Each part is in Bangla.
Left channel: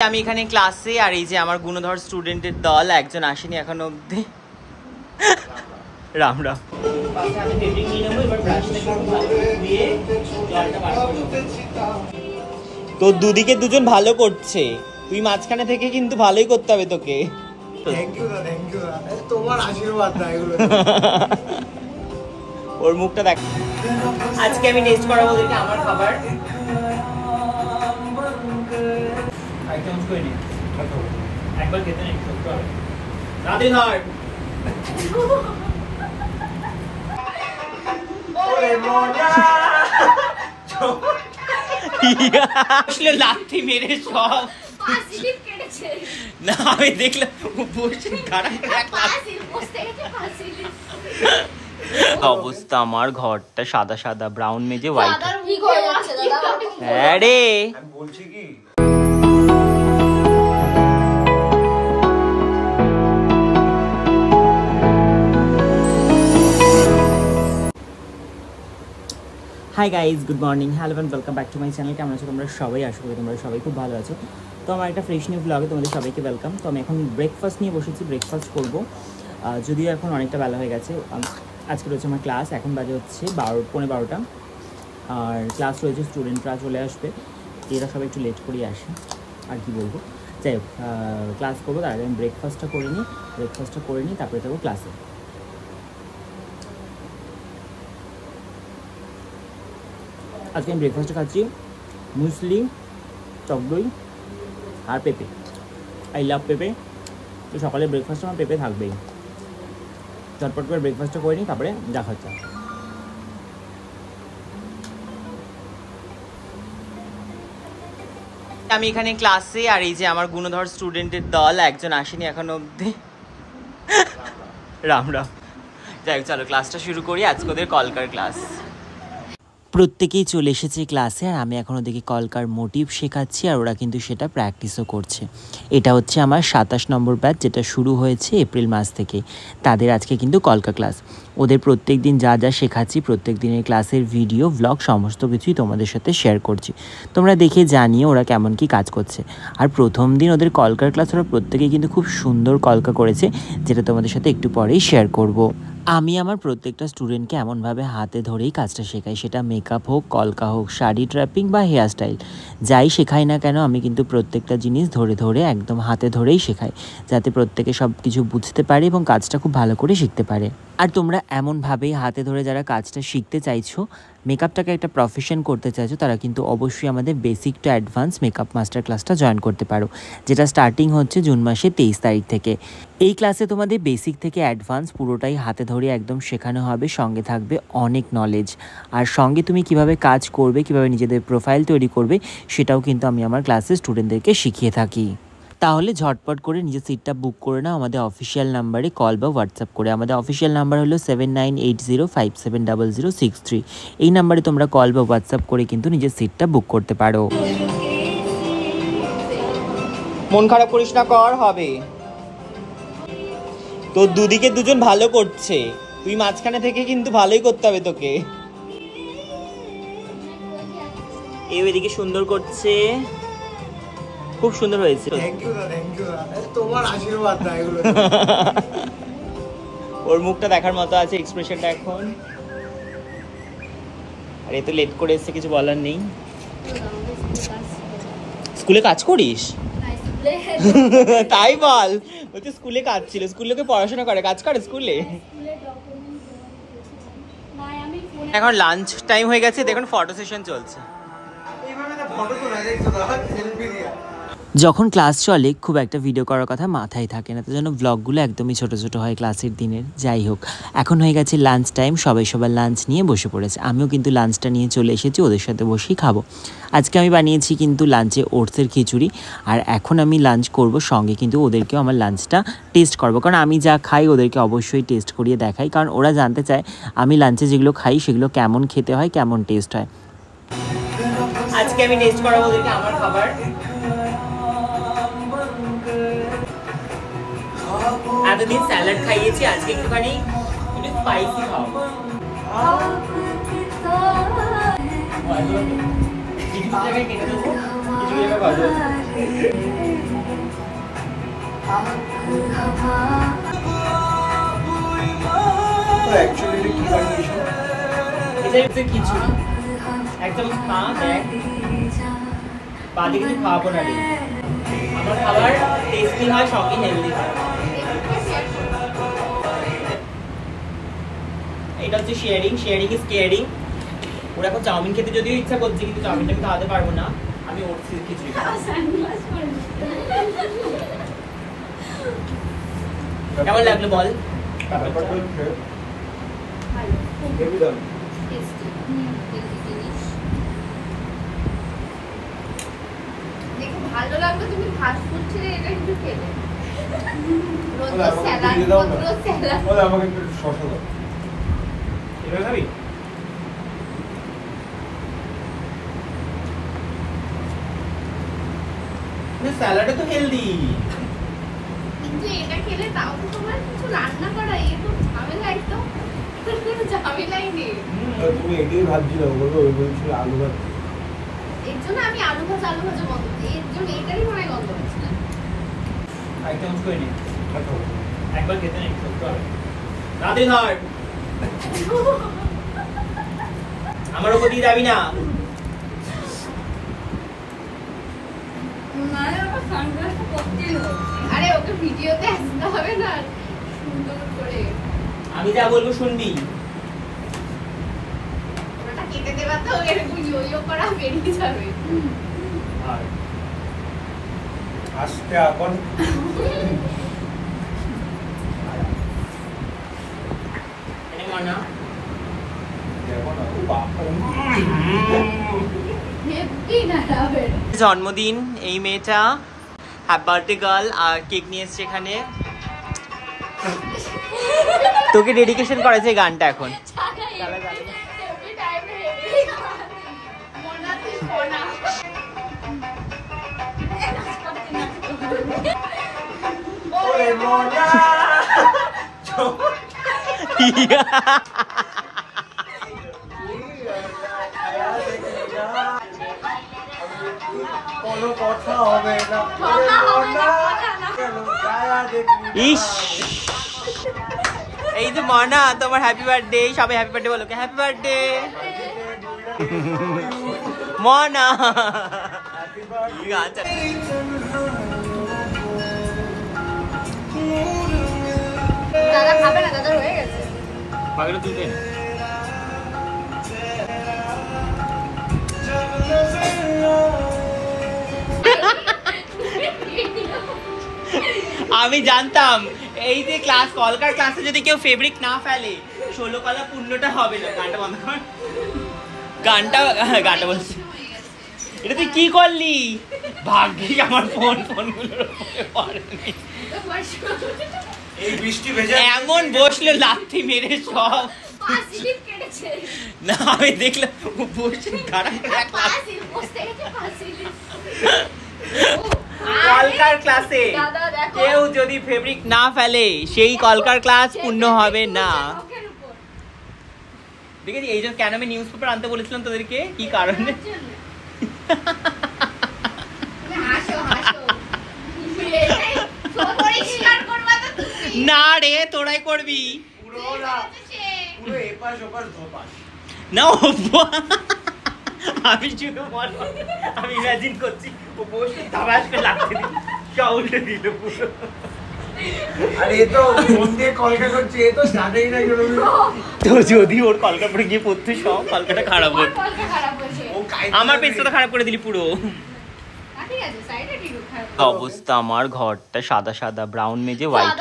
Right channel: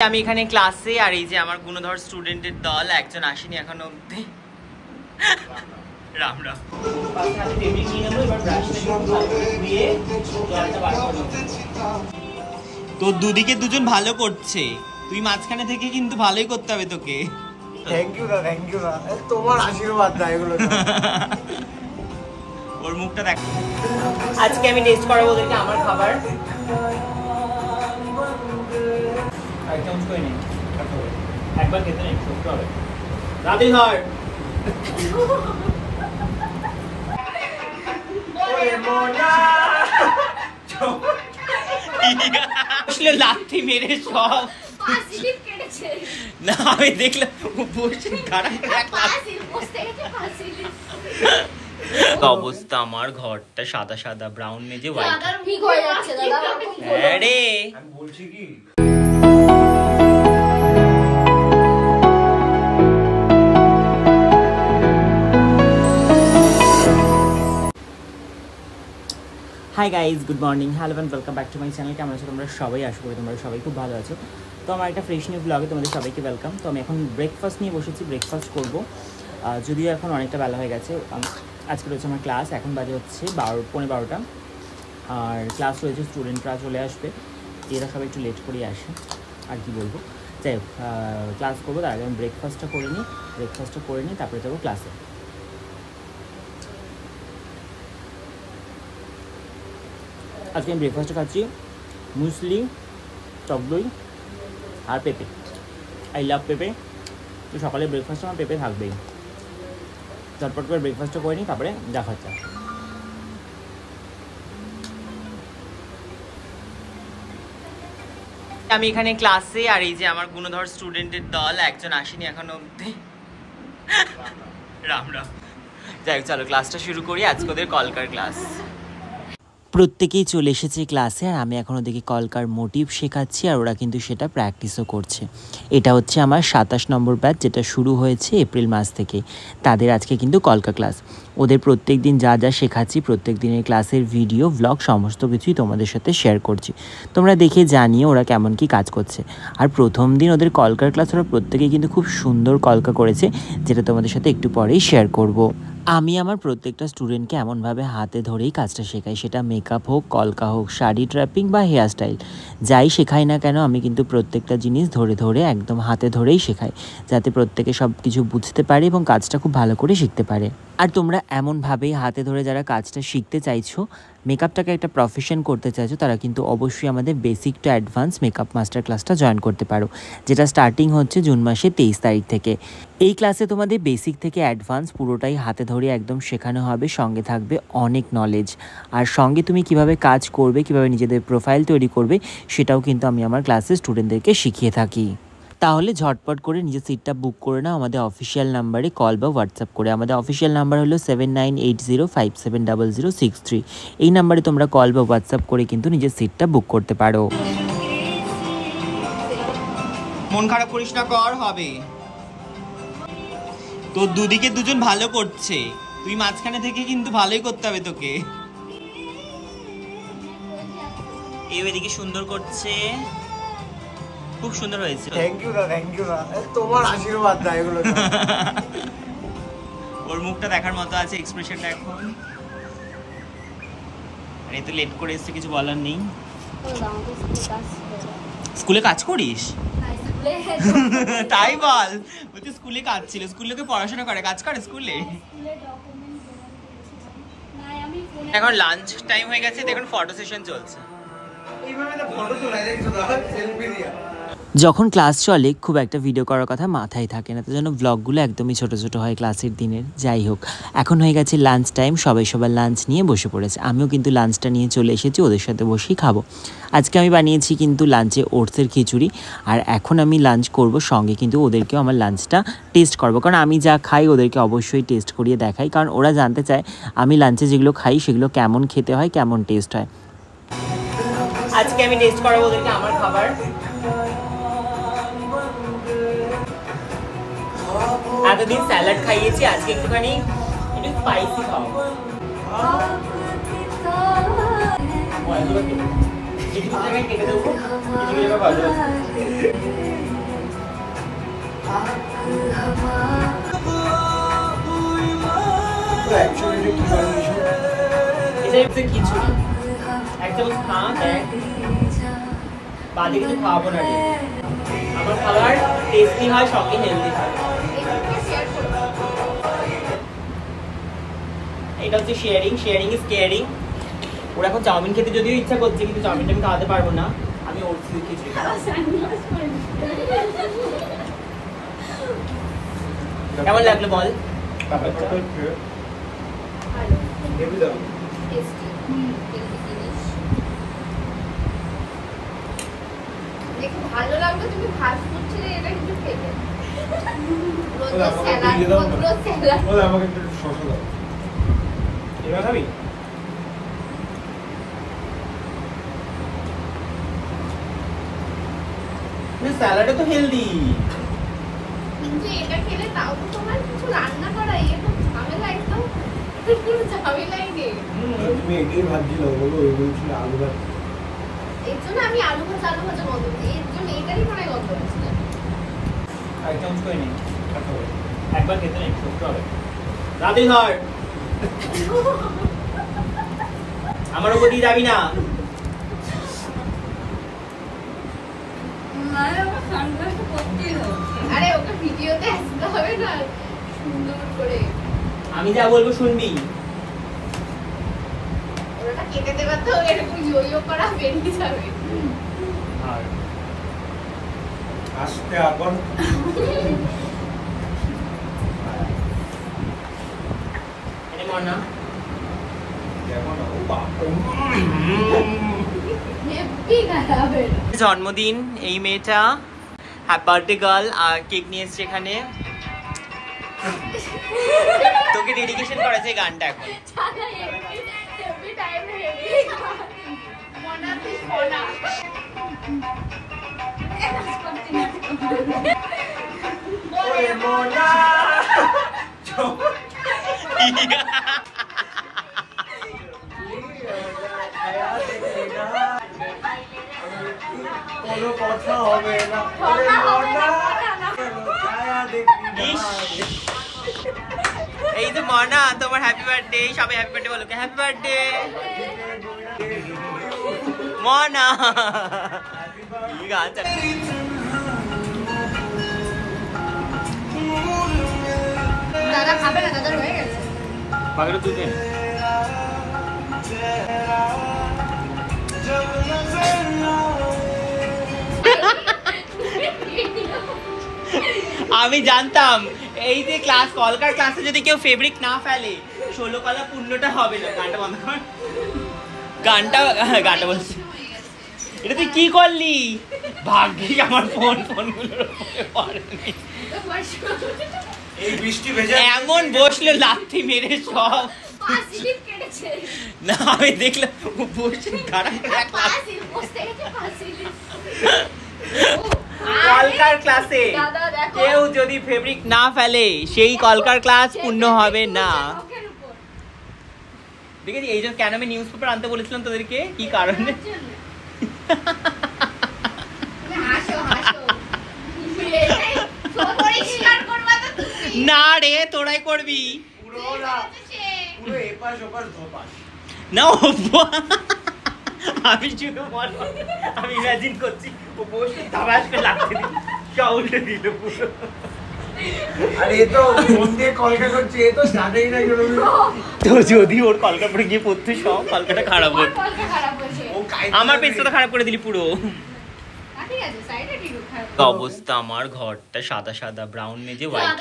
আমি এখানে ক্লাসে আর এই যে আমার গুণধর স্টুডেন্টের দল একজন আসেনি এখনো অবধি। রাম রাম। তো দুদিকে দুজন ভালো করছে, তুই মাঝখানে থেকে কিন্তু ভালোই করতে হবে তোকে। থ্যাংক ইউ দা, থ্যাংক ইউ দা, তোমার আশীর্বাদ দা এগুলো। ওর মুখটা দেখ। আজকে আমি টেস্ট করাবো ওদেরকে আমার খাবার। একবার খেতে নেই রাতে ধর। আসলে লাথি মেরে সব না, আমি দেখলাম অবস্থা। আমার ঘরটা সাদা সাদা, ব্রাউন মেজে হোয়াইট। হ্যাঁ রে, বলছি কি hi guys, good morning, hello and welcome back to my channel. কেমন আছো তোমরা সবাই? আশা করি তোমরা সবাই খুব ভালো আছো। তো আমার একটা ফ্রেশ নিউ ব্লগে তোমাদের সবাইকে ওয়েলকাম। তো আমি এখন ব্রেকফাস্ট নিয়ে বসেছি, ব্রেকফাস্ট করবো। যদিও এখন অনেকটা বেলা হয়ে গেছে, আজকে রয়েছে আমার ক্লাস। এখন বাজে হচ্ছে 12:15, আর ক্লাস রয়েছে, স্টুডেন্টরা চলে আসবে, এরা সবাই একটু লেট করেই আসে, আর কি বলবো। যাই হোক, ক্লাস করবো, তার আগে আমি ব্রেকফাস্টটা করে নিই, তারপরে যাবো ক্লাসে। আজকে আমি ব্রেকফাস্টে খাচ্ছি মুসলি, টক দই আর পেঁপে। আই লাভ পেঁপে। তো সকালে ব্রেকফাস্টে আমার পেঁপে থাকবেই। চটপট করে ব্রেকফাস্টটা করে নিই, তারপরে যা খাচ্ছা। আমি এখানে ক্লাসে আর এই যে আমার গুণধর স্টুডেন্টের দল একজন আসেনি এখনো অবধি। রাম রাম। যাই হোক, চলো ক্লাসটা শুরু করি। আজকে ওদের কলকার ক্লাস। প্রত্যেকেই চলে এসেছে ক্লাসে, আর আমি এখন ওদেরকে কলকার মোটিভ শেখাচ্ছি, আর ওরা কিন্তু সেটা প্র্যাকটিসও করছে। এটা হচ্ছে আমার 27 নম্বর ব্যাচ, যেটা শুরু হয়েছে এপ্রিল মাস থেকে। তাদের আজকে কিন্তু কলকা ক্লাস। ওদের প্রত্যেক দিন যা যা শেখাচ্ছি, প্রত্যেক দিনের ক্লাসের ভিডিও, ভ্লগ সমস্ত কিছুই তোমাদের সাথে শেয়ার করছি। তোমরা দেখে জানিয়ে ওরা কেমন কি কাজ করছে। আর প্রথম দিন ওদের কলকার ক্লাস ওরা প্রত্যেকেই কিন্তু খুব সুন্দর কলকা করেছে, যেটা তোমাদের সাথে একটু পরেই শেয়ার করব। আমি আমার প্রত্যেকটা স্টুডেন্টকে এমনভাবে হাতে ধরেই কাজটা শেখাই, সেটা মেকআপ হোক, কলকা হোক, শাড়ি ট্র্যাপিং বা হেয়ার স্টাইল, যাই শেখাই না কেন আমি কিন্তু প্রত্যেকটা জিনিস ধরে ধরে একদম হাতে ধরেই শেখাই, যাতে প্রত্যেকে সব কিছু বুঝতে পারে এবং কাজটা খুব ভালো করে শিখতে পারে। আর তোমরা এমনভাবেই হাতে ধরে যারা কাজটা শিখতে চাইছো, মেকআপটাকে একটা প্রফেশন করতে চাইছো, তারা কিন্তু অবশ্যই আমাদের basic to advance makeup master ক্লাসটা জয়েন করতে পারো, যেটা স্টার্টিং হচ্ছে জুন মাসের 23 তারিখ থেকে। এই ক্লাসে তোমাদের বেসিক থেকে অ্যাডভান্স পুরোটাই হাতে ধরে একদম শেখানো হবে, সঙ্গে থাকবে অনেক নলেজ। আর সঙ্গে তুমি কিভাবে কাজ করবে, কিভাবে নিজেদের প্রোফাইল তৈরি করবে, সেটাও কিন্তু আমি আমার ক্লাসে স্টুডেন্টদেরকে শিখিয়ে থাকি। তাহলে ঝটপট করে নিজের সিটটা বুক করে নাও আমাদের অফিসিয়াল নাম্বারে কল বা হোয়াটসঅ্যাপ করে। আমাদের অফিসিয়াল নাম্বার হলো 7980570063। এই নাম্বারে তোমরা কল বা হোয়াটসঅ্যাপ করে কিন্তু নিজের সিটটা বুক করতে পারো। মন খারাপ করিস না, কর হবে। তো দুদিকে দুজন ভালো করছে, তুই মাঝখানে থেকে কিন্তু ভালোই করতে হবে তোকে। এই এদিকে সুন্দর করছে, খুব সুন্দর হয়েছে। থ্যাংক ইউ দা, থ্যাংক ইউ দা, তোমার আশীর্বাদ দা এগুলো। ওর মুখটা দেখার মতো আছে, এক্সপ্রেশনটা এখন। আর এত লেট করে এসছে, কিছু বলার নেই। স্কুলে কাজ করিস? তাই বল, ওই তো স্কুলে কাজ ছিল। স্কুলে লোকে পড়াশোনা করে, কাজ করে স্কুলে। এখন লাঞ্চ টাইম হয়ে গেছে, দেখুন ফটো সেশন চলছে। যখন ক্লাস চলে খুব একটা ভিডিও করার কথা মাথায় থাকে না, তার জন্য ব্লগগুলো একদমই ছোট ছোট হয় ক্লাসের দিনের। যাই হোক, এখন হয়ে গেছে লাঞ্চ টাইম, সবাই সবার লাঞ্চ নিয়ে বসে পড়েছে। আমিও কিন্তু লাঞ্চটা নিয়ে চলে এসেছি, ওদের সাথে বসেই খাবো। আজকে আমি বানিয়েছি কিন্তু লাঞ্চে ওটসের খিচুড়ি, আর এখন আমি লাঞ্চ করব, সঙ্গে কিন্তু ওদেরকেও আমার লাঞ্চটা টেস্ট করবো, কারণ আমি যা খাই ওদেরকে অবশ্যই টেস্ট করিয়ে দেখাই, কারণ ওরা জানতে চায় আমি লাঞ্চে যেগুলো খাই সেগুলো কেমন খেতে হয়, কেমন টেস্ট হয়। আজকে আমি টেস্ট করাবো ওদেরকে আমার খাবার। এতদিন স্যালাড খাইয়েছি, আজকে একটুখানি স্পাইসি খাওয়াবো। কিছু জায়গায় কেটে দেবো, কিছু জায়গায় ভাজবো। এটা কিছু না, একদম খা দেখ, বাদে কিছু খাওয়াবো না রে। আমার খাবার টেস্টি হয়, সঙ্গে হেলদি হয়। এটা হচ্ছে শেয়ারিং, শেয়ারিং ইজ কেয়ারিং। ওরা এখন চাউমিন খেতে যদিও ইচ্ছা করছে, কিন্তু চাউমিনটা আমি খাওয়াতে পারবো না, আমি ওর খিচুড়ি খাবো। কেমন লাগলো বল? ভালো লাগলো তুমি ফাস্ট ফুড ছেড়ে এটা একটু খেলে। রোজ স্যালাড, রোজ স্যালাড। বল আমাকে একটু শসা দাও। এবার খাবি? স্যালাডে তো হেলদি, কিন্তু এটা খেলে তাও তো তোমার কিছু রান্না করা এ তো ঝামেলা, একদম কোনো ঝামেলাই নেই। তুমি এটাই ভাবছিলে বলবো ওই বলছিল আলু ভাত, এর জন্য আমি আলু ভাজা গন্ধ, এর জন্য এটারই মনে হয় গন্ধ হচ্ছে। এক চামচ করে নে, একবার খেতে নেই সত্যি হবে। রাতে ধর, আমার উপর দিয়ে যাবি না। আরে ওকে ভিডিওতে আসতে হবে না সুন্দর করে, আমি যা বলবো শুনবি। ওটা কেটে দেবা তো এরকম ইয়ো করা বেরিয়ে যাবে। আর আজকে আবার এটা মানা জন্মদিন এই মেয়েটা, হ্যাপি বার্থডে গার্ল। আর কেক নিয়ে এসছে এখানে, তোকে ডেডিকেশন করেছে এই গানটা এখন। কোনো কথা হবে না, ইস, এই যে মানা তোমার হ্যাপি বার্থডে, সবাই হ্যাপি বার্থডে বলো, হ্যাপি বার্থডে মানা। কি গান দাদা খাবে না, দাদা হয়ে গেছে। পাগড়া তুলতে আমি জানতাম এই যে ক্লাস কলকার ক্লাসে যদি কেউ ফেব্রিক না ফেলে 16 কলা পূর্ণটা হবে না। গানটা বন্ধ কর, গানটা বলছি। এটা তুই কি করলি? ভাগ্যি আমার ফোনগুলোর উপরে পড়েনি। এই বৃষ্টি ভেজা এমন বসলো লাথি মেরে সব। না আমি দেখলাম বসে কলকার ক্লাসে কেউ যদি ফেব্রিক না ফেলে সেই কলকার ক্লাস পূর্ণ হবে না। দেখেছি এই জন্য কেন আমি নিউজ পেপার আনতে বলেছিলাম তোদেরকে, কি কারণে? না রে তোরাই করবি না। আমি শুধু আমি ইমাজিন করছি ও বসে ধাবাস করে লাগতে দিল, সব উল্টে দিল পুরো। আরে এ তো ফোন দিয়ে কলকা করছে, এ তো স্টার্টেই না গেল। তো যদি ওর কলকা পরে গিয়ে পড়তে সব কলকাটা খারাপ হতো। আমার পেছটা তো খারাপ করে দিলি পুরো। অবস্থা আমার ঘরটা সাদা সাদা, ব্রাউন মেজে হোয়াইট।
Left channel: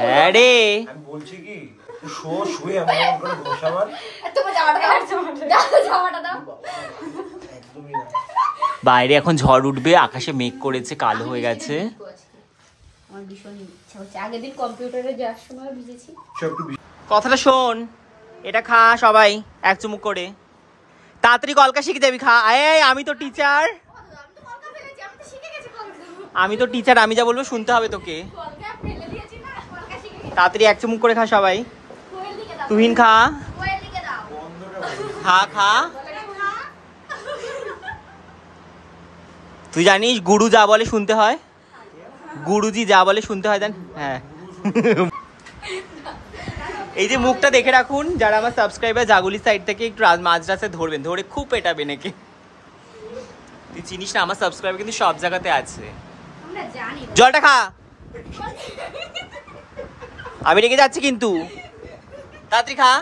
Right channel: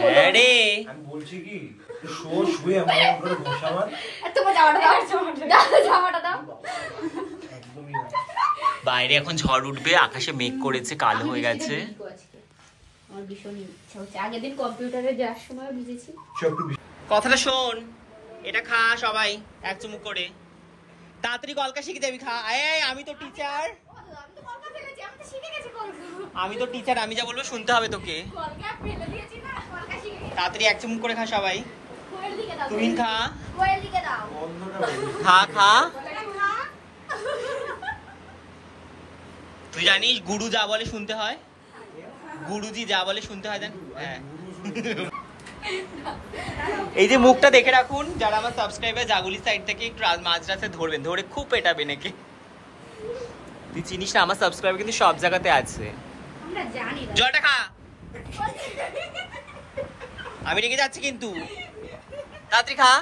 হ্যাঁ রে আমি বলছি কি শুয়ে আমার উপরে বসাবার, বাইরে এখন ঝড় উঠবে, আকাশে মেঘ করেছে, কালো হয়ে গেছে। কথাটা শোন, এটা খা সবাই এক চুমুক করে, তাড়াতাড়ি কলকা শিখে যাবি। খা। এই আমি তো টিচার, আমি যা বলবো শুনতে হবে তোকে। তাড়াতাড়ি এক চুমুক করে খা সবাই। তুহিন খা, খা খা। তুই জানিস গুরু যা বলে শুনতে হয়? গুরুজি যা বলে শুনতে হয় জান। হ্যাঁ এই যে মুখটা দেখে রাখুন, যারা আমার সাবস্ক্রাইবার জাগুলি সাইড থেকে একটু মাঝ রাস্তায় ধরবেন, ধরে খুব পেটাবে নাকি। তুই চিনিস না আমার সাবস্ক্রাইবার কিন্তু সব জায়গাতে আছে। জলটা খা, আমি রেখে যাচ্ছি কিন্তু তাড়াতাড়ি খা।